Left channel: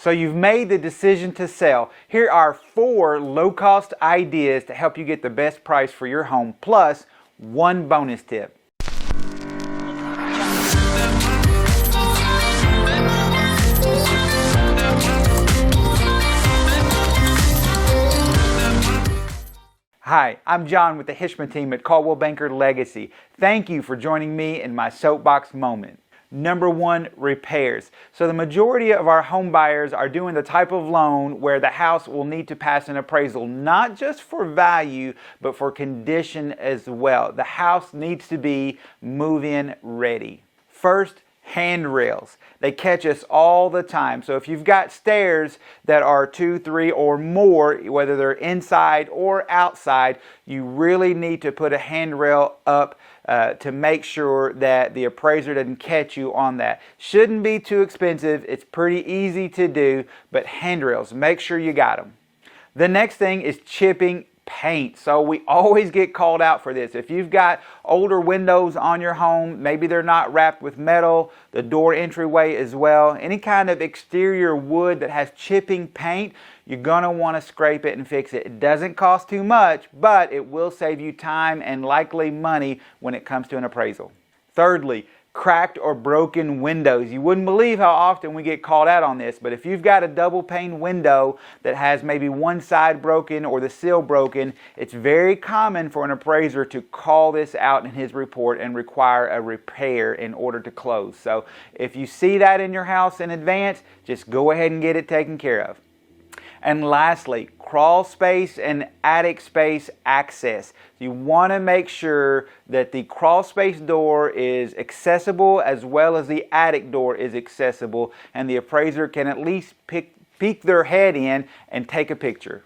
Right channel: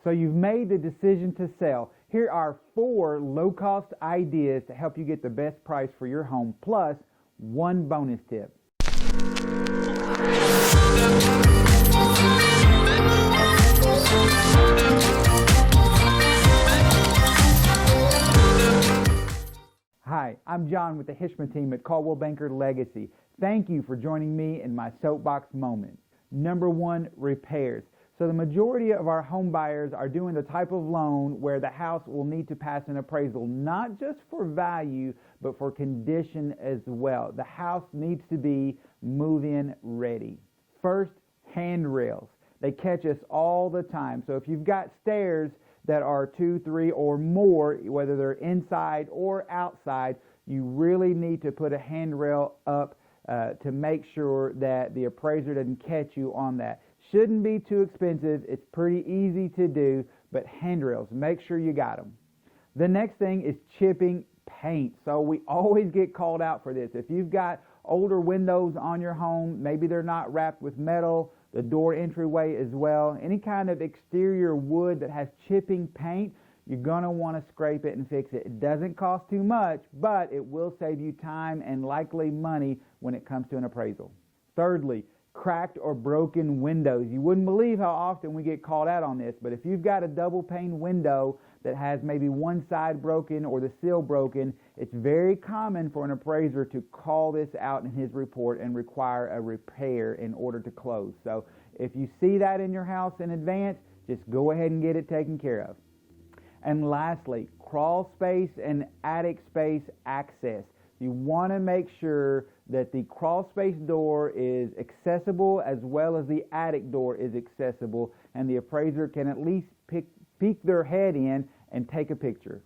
So you've made the decision to sell. Here are 4 low-cost ideas to help you get the best price for your home, plus 1 bonus tip. Hi, I'm John with the Hishmeh team at Coldwell Banker Legacy. Thank you for joining me in my soapbox moment. Number 1, repairs. So the majority of our home buyers are doing the type of loan where the house will need to pass an appraisal, not just for value, but for condition as well. The house needs to be move-in ready. First, handrails. They catch us all the time. So if you've got stairs that are 2, 3, or more, whether they're inside or outside, you really need to put a handrail up to make sure that the appraiser doesn't catch you on that. Shouldn't be too expensive. It's pretty easy to do, but handrails, make sure you got them. The next thing is chipping paint. So we always get called out for this. If you've got older windows on your home, maybe they're not wrapped with metal, the door entryway as well, any kind of exterior wood that has chipping paint, you're going to want to scrape it and fix it. It doesn't cost too much, but it will save you time and likely money when it comes to an appraisal. Thirdly, cracked or broken windows. You wouldn't believe how often we get called out on this, but if you've got a double pane window that has maybe one side broken or the sill broken, it's very common for an appraiser to call this out in his report and require a repair in order to close. So if you see that in your house in advance, just go ahead and get it taken care of. And lastly, crawl space and attic space access. You want to make sure that the crawl space door is accessible as well as the attic door is accessible, and the appraiser can at least peek their head in and take a picture.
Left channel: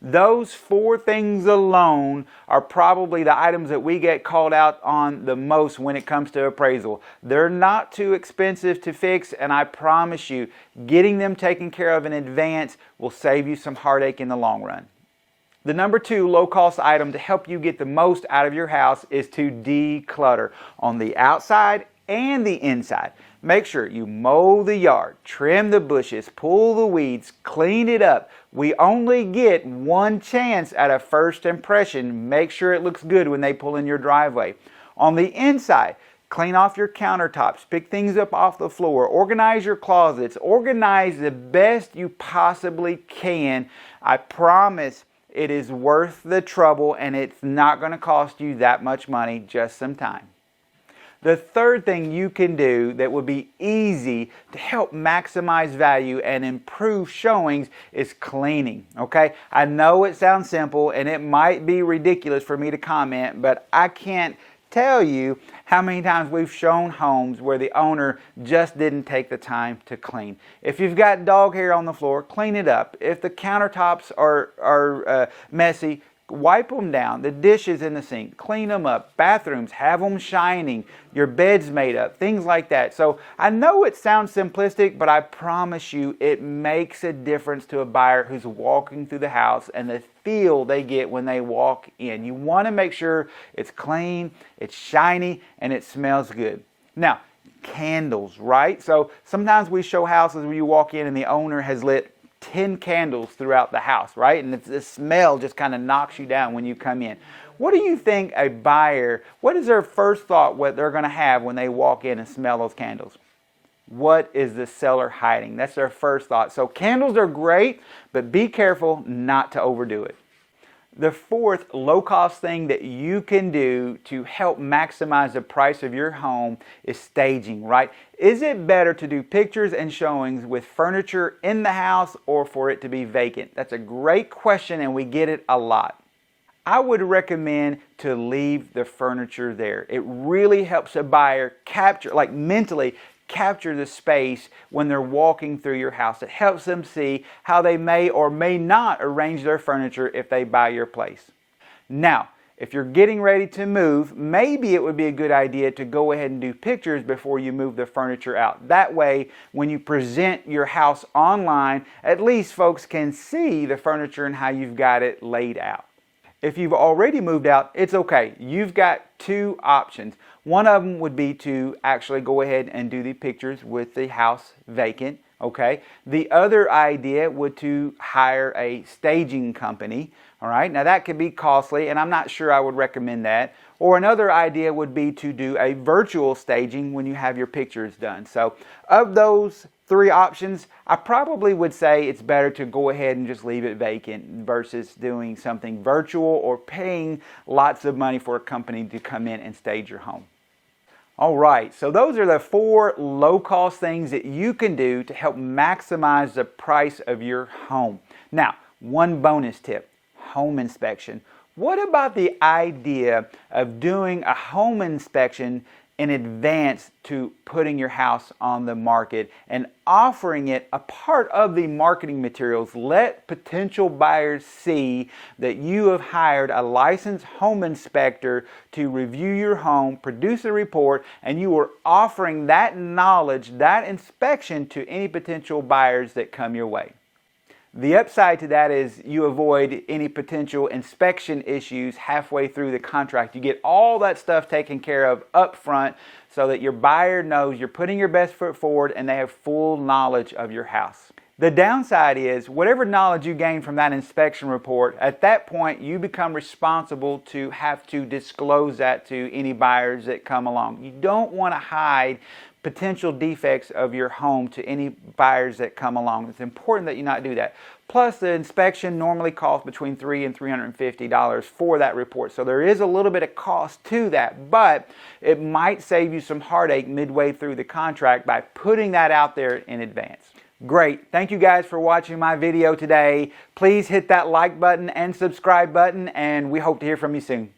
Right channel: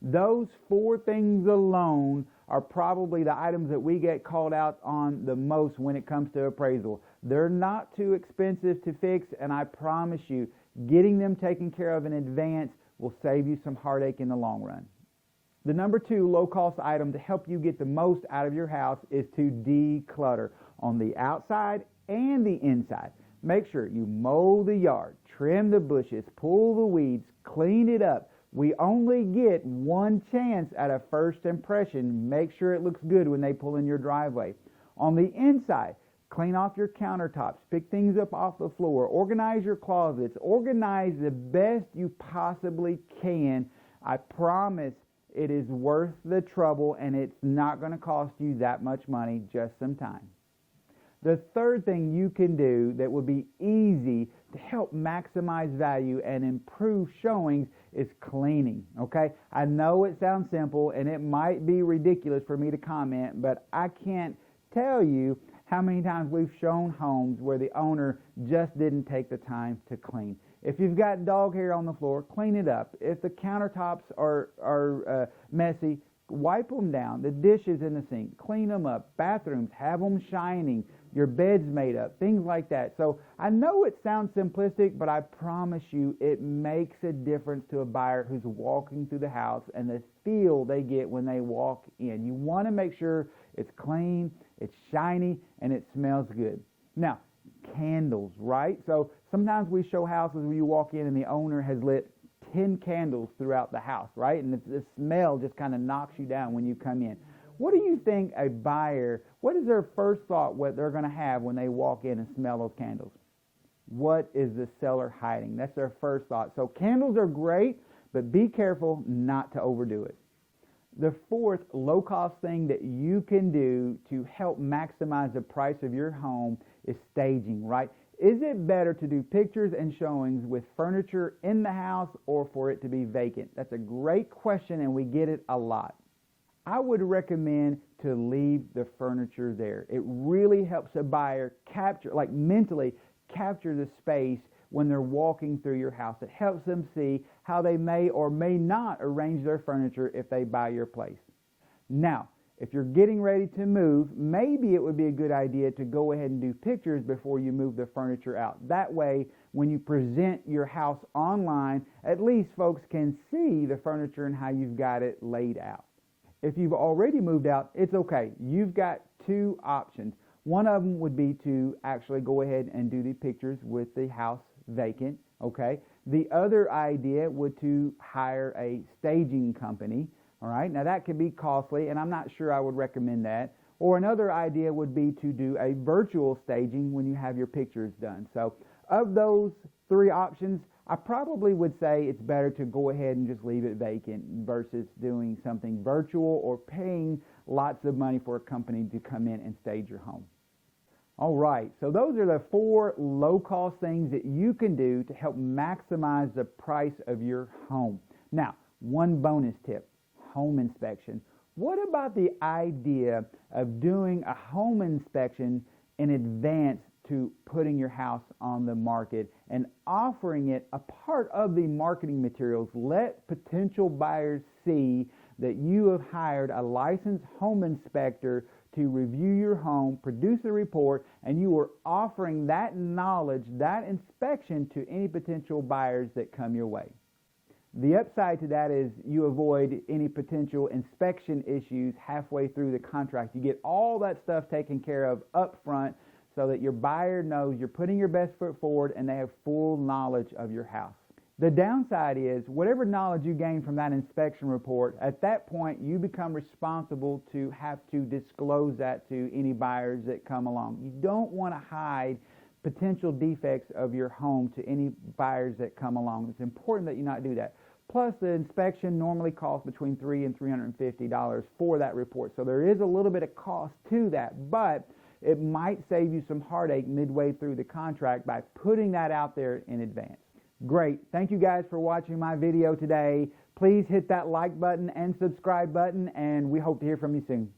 Those 4 things alone are probably the items that we get called out on the most when it comes to appraisal. They're not too expensive to fix, and I promise you, getting them taken care of in advance will save you some heartache in the long run. The number 2 low-cost item to help you get the most out of your house is to declutter on the outside and the inside. Make sure you mow the yard, trim the bushes, pull the weeds, clean it up. We only get 1 chance at a first impression. Make sure it looks good when they pull in your driveway. On the inside, clean off your countertops, pick things up off the floor, organize your closets, organize the best you possibly can. I promise it is worth the trouble, and it's not going to cost you that much money, just some time. The third thing you can do that would be easy to help maximize value and improve showings is cleaning, okay? I know it sounds simple and it might be ridiculous for me to comment, but I can't tell you how many times we've shown homes where the owner just didn't take the time to clean. If you've got dog hair on the floor, clean it up. If the countertops are messy, wipe them down. The dishes in the sink, clean them up. Bathrooms, have them shining. Your bed's made up, things like that. So I know it sounds simplistic, but I promise you it makes a difference to a buyer who's walking through the house and the feel they get when they walk in. You want to make sure it's clean, it's shiny, and it smells good. Now, candles, right? So sometimes we show houses where you walk in and the owner has lit 10 candles throughout the house, right? And the smell just kind of knocks you down when you come in. What do you think a buyer, what is their first thought what they're going to have when they walk in and smell those candles? What is the seller hiding? That's their first thought. So candles are great, but be careful not to overdo it. The fourth low-cost thing that you can do to help maximize the price of your home is staging, right? Is it better to do pictures and showings with furniture in the house or for it to be vacant? That's a great question and we get it a lot. I would recommend to leave the furniture there. It really helps a buyer capture, like mentally, capture the space when they're walking through your house. It helps them see how they may or may not arrange their furniture if they buy your place. Now, if you're getting ready to move, maybe it would be a good idea to go ahead and do pictures before you move the furniture out. That way, when you present your house online, at least folks can see the furniture and how you've got it laid out. If you've already moved out, it's okay. You've got two options. One of them would be to actually go ahead and do the pictures with the house vacant, Okay. The other idea would to hire a staging company. All right. Now that could be costly, and I'm not sure I would recommend that. Or another idea would be to do a virtual staging when you have your pictures done. So of those three options, I probably would say it's better to go ahead and just leave it vacant versus doing something virtual or paying lots of money for a company to come in and stage your home. All right, so those are the 4 low-cost things that you can do to help maximize the price of your home. Now, one bonus tip, home inspection. What about the idea of doing a home inspection in advance to putting your house on the market and offering it a part of the marketing materials? Let potential buyers see that you have hired a licensed home inspector to review your home, produce a report, and you are offering that knowledge, that inspection to any potential buyers that come your way. The upside to that is you avoid any potential inspection issues halfway through the contract. You get all that stuff taken care of up front so that your buyer knows you're putting your best foot forward and they have full knowledge of your house. The downside is whatever knowledge you gain from that inspection report, at that point you become responsible to have to disclose that to any buyers that come along. You don't want to hide potential defects of your home to any buyers that come along. It's important that you not do that. Plus, the inspection normally costs between $300 and $350 for that report. So there is a little bit of cost to that, but it might save you some heartache midway through the contract by putting that out there in advance. Great. Thank you guys for watching my video today. Please hit that like button and subscribe button, and we hope to hear from you soon.